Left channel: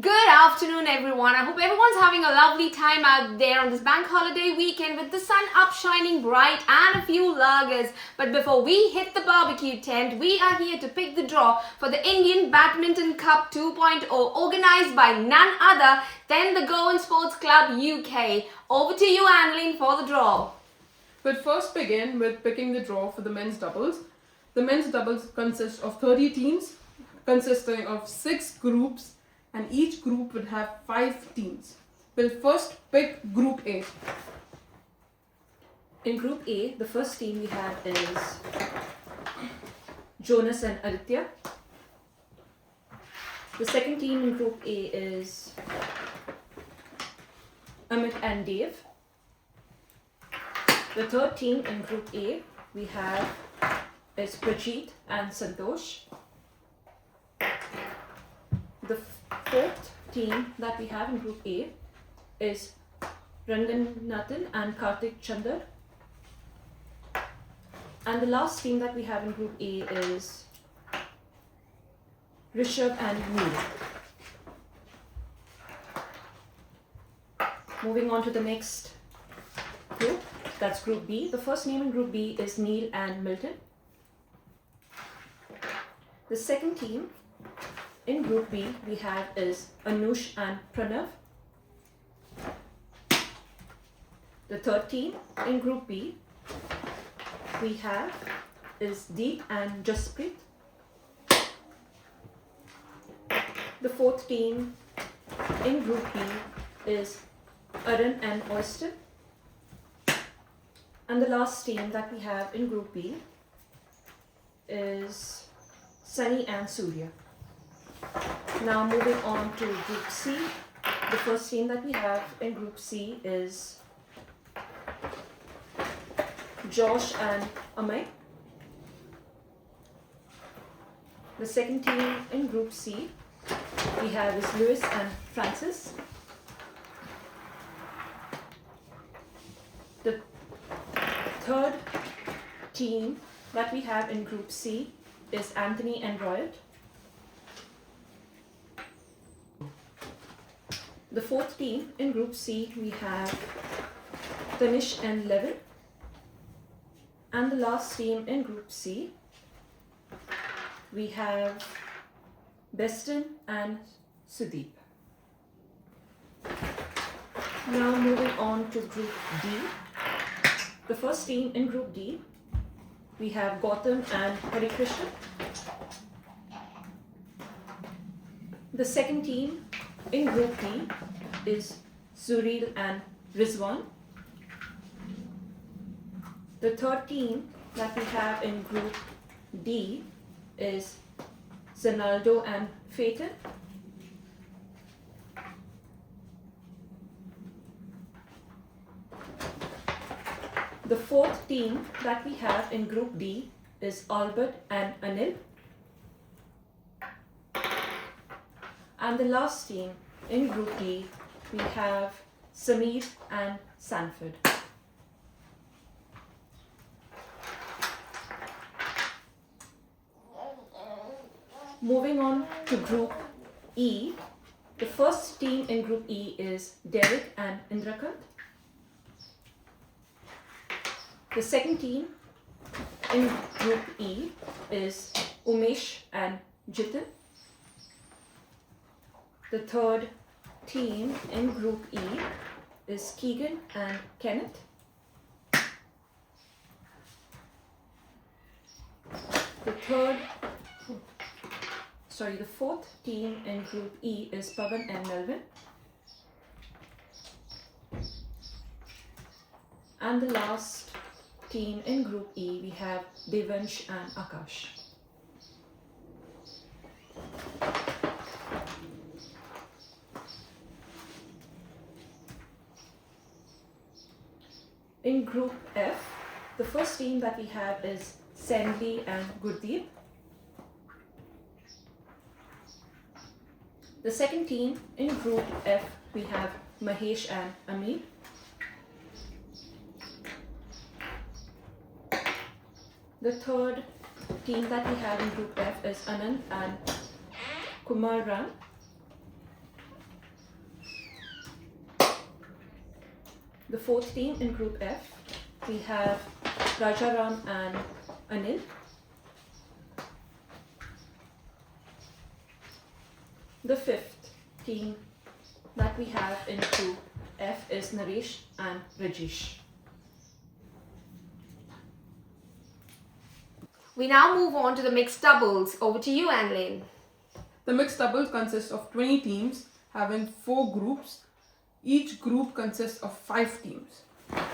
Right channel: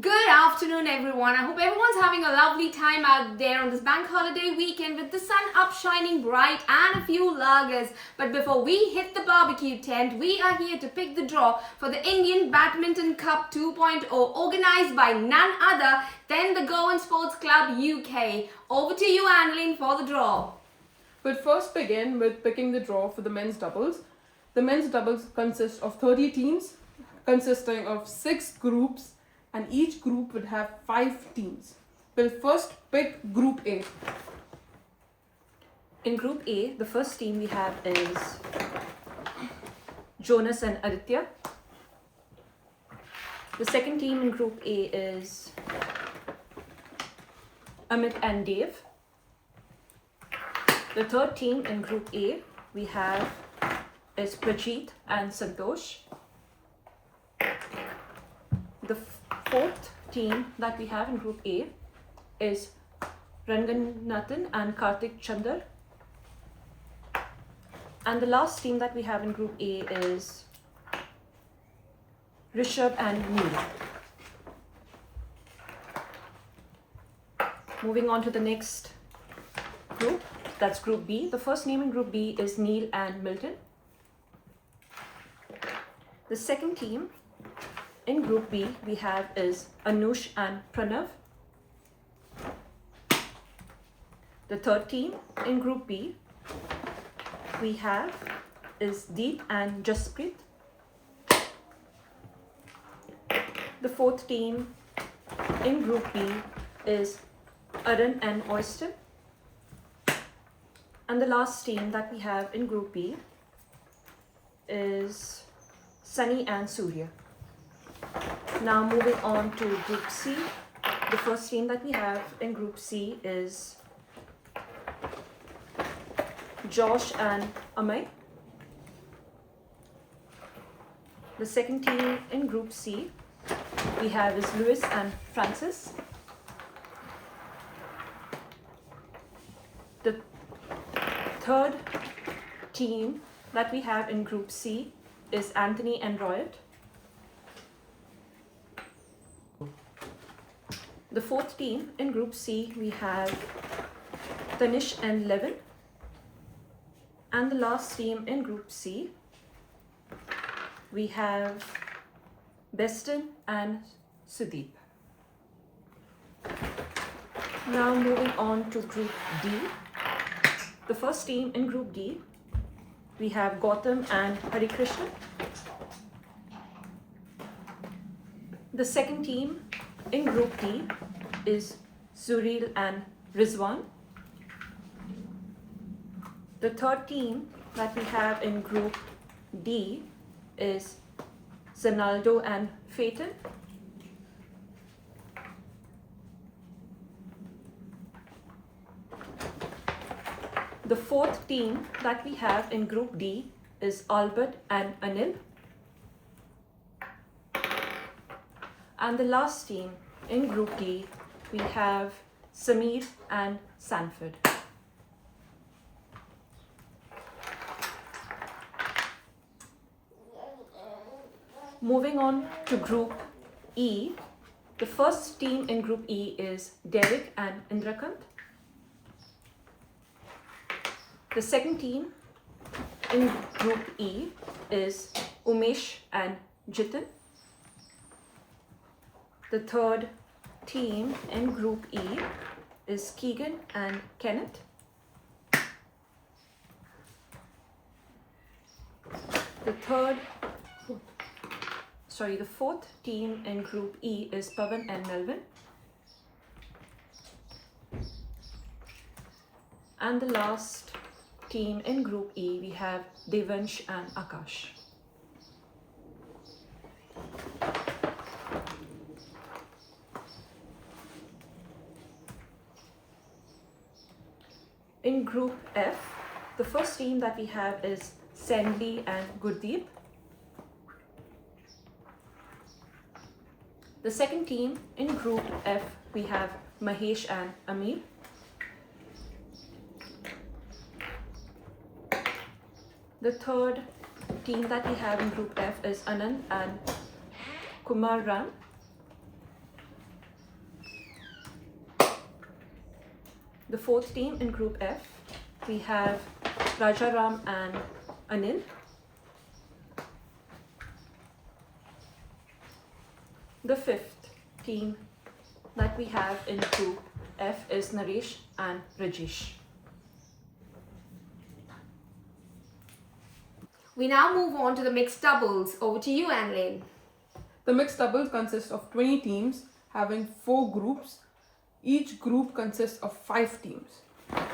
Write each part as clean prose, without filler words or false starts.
Good afternoon, everyone. I hope everyone's having a lovely time out there on this bank holiday weekend with the sun up shining bright and a few lagers. But before we hit the barbecue tent, we are here to pick the draw for the Indian Badminton Cup 2.0 organized by none other than the Goan Sports Club UK. Over to you, Annalyn, for the draw. We'll first begin with picking the draw for the men's doubles. The men's doubles consist of 30 teams consisting of 6 groups, and each group would have 5 teams. We'll first pick Group A. In Group A, the first team we have is Jonas and Aditya. The second team in Group A is Amit and Dave. The third team in Group A we have is Prajit and Santosh. The fourth team that we have in Group A is Ranganathan and Karthik Chandar. And the last team that we have in Group A is Rishabh and Neil. Moving on to the next group, that's Group B. The first name in Group B is Neil and Milton. The second team in Group B we have is Anush and Pranav. The third team in Group B we have is Deep and Jasprit. The fourth team in Group B is Arun and Oyster. And the last team that we have in Group B is Sunny and Surya. Now moving on to Group C. The first team that we have in Group C is Josh and Amay. The second team in Group C we have is Lewis and Francis. The third team that we have in Group C is Anthony and Royal. The fourth team in Group C we have Tanish and Levin. And the last team in Group C we have Beston and Sudeep. Now moving on to Group D. The first team in Group D we have Gautam and Harikrishna. The second team in Group D is Zuril and Rizwan. The third team that we have in Group D is Zanaldo and Phaeton. The fourth team that we have in Group D is Albert and Anil. And the last team in Group D we have Sameer and Sanford. Moving on to Group E. The first team in Group E is Derek and Indrakant. The second team in Group E is Umesh and Jitin. The third team in Group E is Keegan and Kenneth. The fourth team in Group E is Pavan and Melvin. And the last team in Group E we have Devansh and Akash. In Group F, the first team that we have is Sandli and Gurdeep. The second team in Group F we have Mahesh and Amir. The third team that we have in Group F is Anand and Kumar Ram. The fourth team in Group F, we have Rajaram and Anil. The fifth team that we have in Group F is Naresh and Rajesh. We now move on to the mixed doubles. Over to you, Anlene. The mixed doubles consists of 20 teams having 4 groups. Each group consists of 5 teams.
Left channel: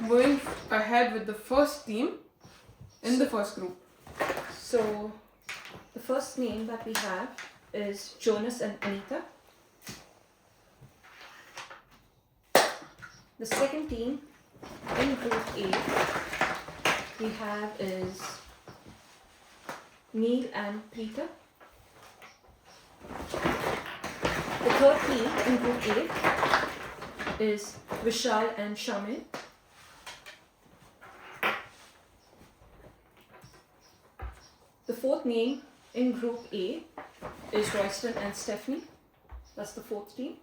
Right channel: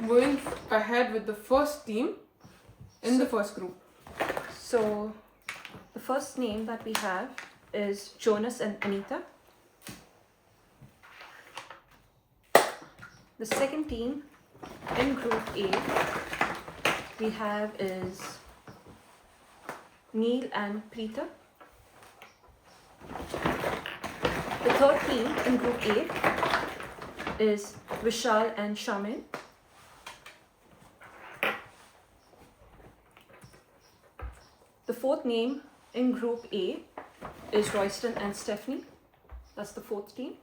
Moving ahead with the first team in the first group. So the first name that we have is Jonas and Anita. The second team in Group A we have is Neil and Preeta. The third team in Group A is Vishal and Shamin. The fourth name in Group A is Royston and Stephanie. That's the fourth team.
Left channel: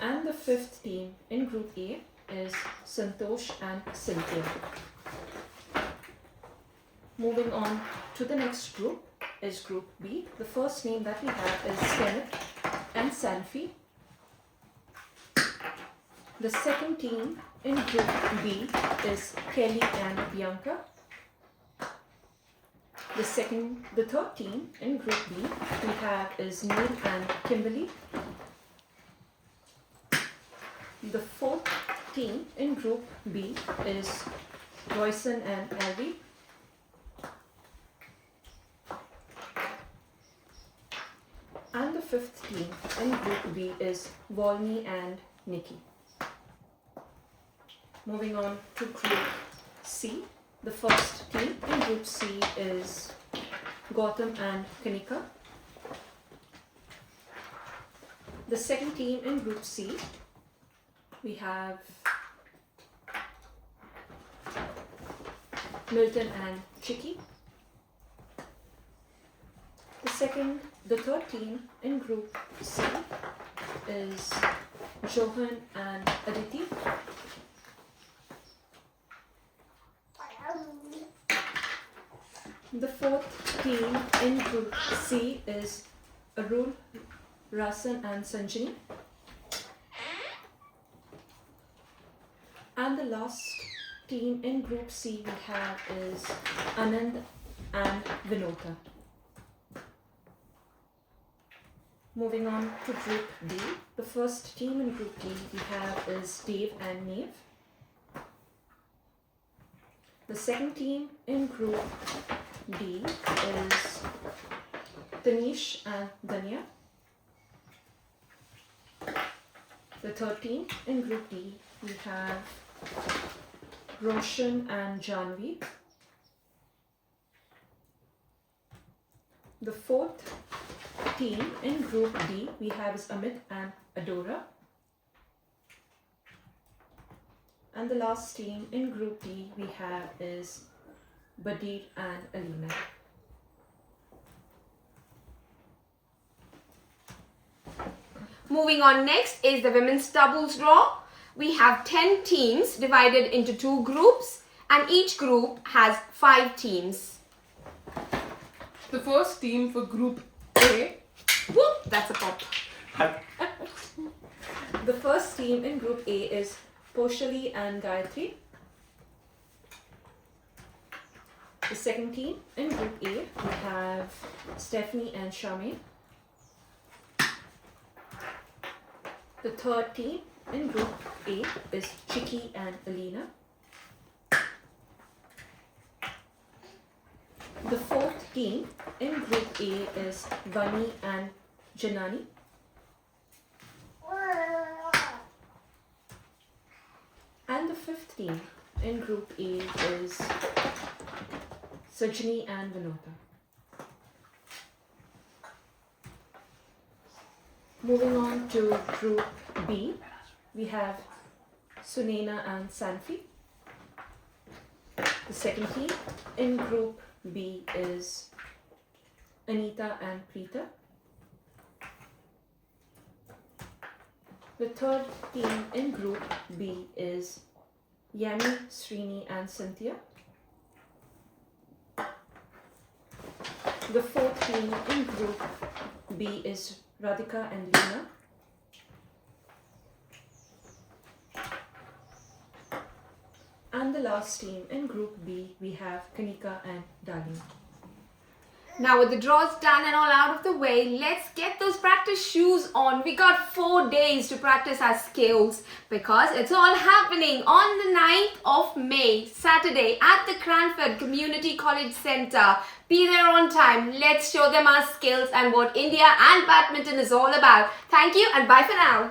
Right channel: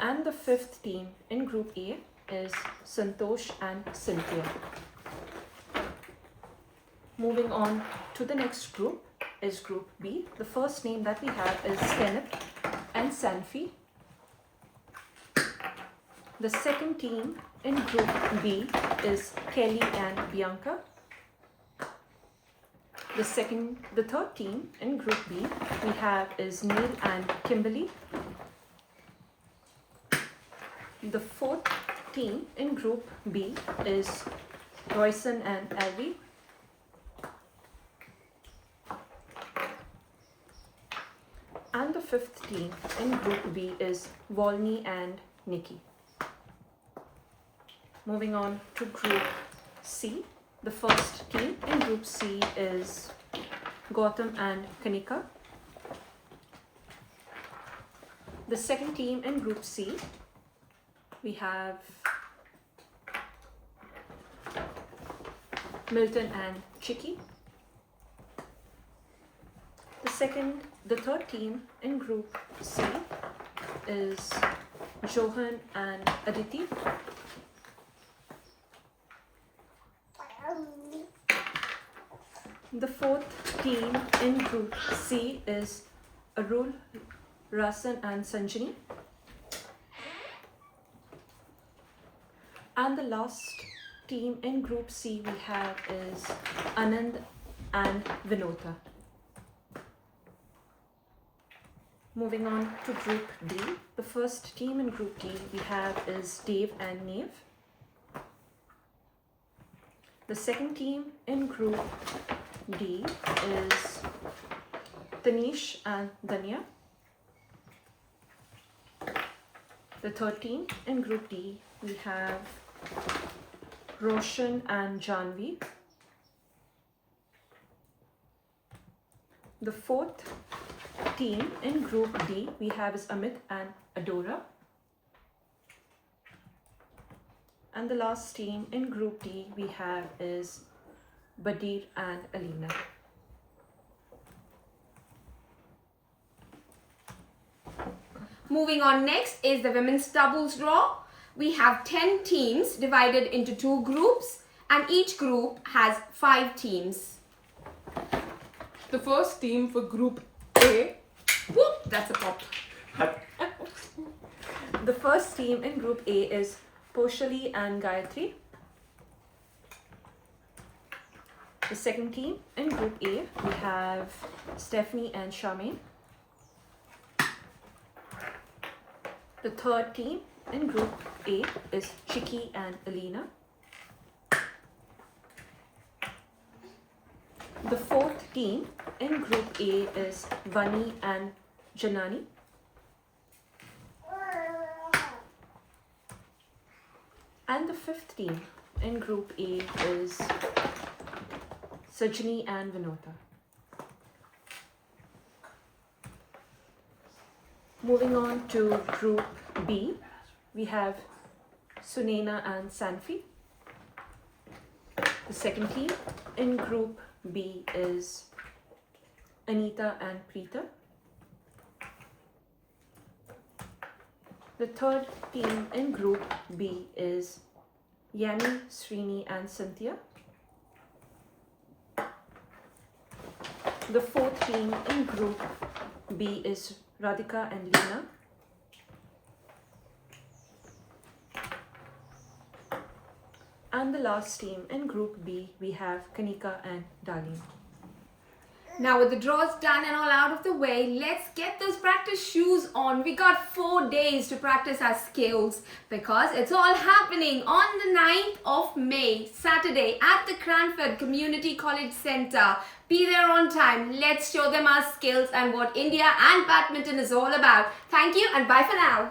And the fifth team in Group A is Santosh and Cynthia. Moving on to the next group is Group B. The first name that we have is Kenneth and Sanfi. The second team in Group B is Kelly and Bianca. The third team in Group B we have is Neil and Kimberly. The fourth team in Group B is Royson and Alvi. And the fifth team in Group B is Volney and Nikki. Moving on to Group C. The first team in Group C is Gautam and Kanika. The second team in Group C we have Milton and Chicky. The third team in Group C is Johan and Aditi. The fourth team in Group C is Arul, Rasan and Sanjani. And the last team in Group C we have is Anand and Vinota. Moving on to Group D. The first team in Group D we have is Dave and Neve. The second team in Group D is Tanish and Danya. The third team in Group D we have Roshan and Janvi. The fourth team in Group D we have is Amit and Adora. And the last team in Group D we have is Badir and Alina. Moving on, next is the women's doubles draw. We have 10 teams divided into 2 groups, and each group has 5 teams. The first team for Group A. Whoop, that's a pop. The first team in Group A is Poshali and Gayatri. The second team in Group A we have Stephanie and Shami. The third team in Group A is Chicky and Alina. The fourth team in Group A is Vani and Janani. And the fifth team in Group A is Sajani and Vinota. Moving on to Group B, we have Sunena and Sanfi. The second team in Group B is Anita and Preeta. The third team in Group B is Yanni, Srini and Cynthia. The fourth team in Group B is Radhika and Lena. And the last team in Group B, we have Kanika and Darlene. Now with the draws done and all out of the way, let's get those practice shoes on. We got 4 days to practice our skills because it's all happening on the 9th of May, Saturday at the Cranford Community College Centre. Be there on time. Let's show them our skills and what India and badminton is all about. Thank you and bye for now.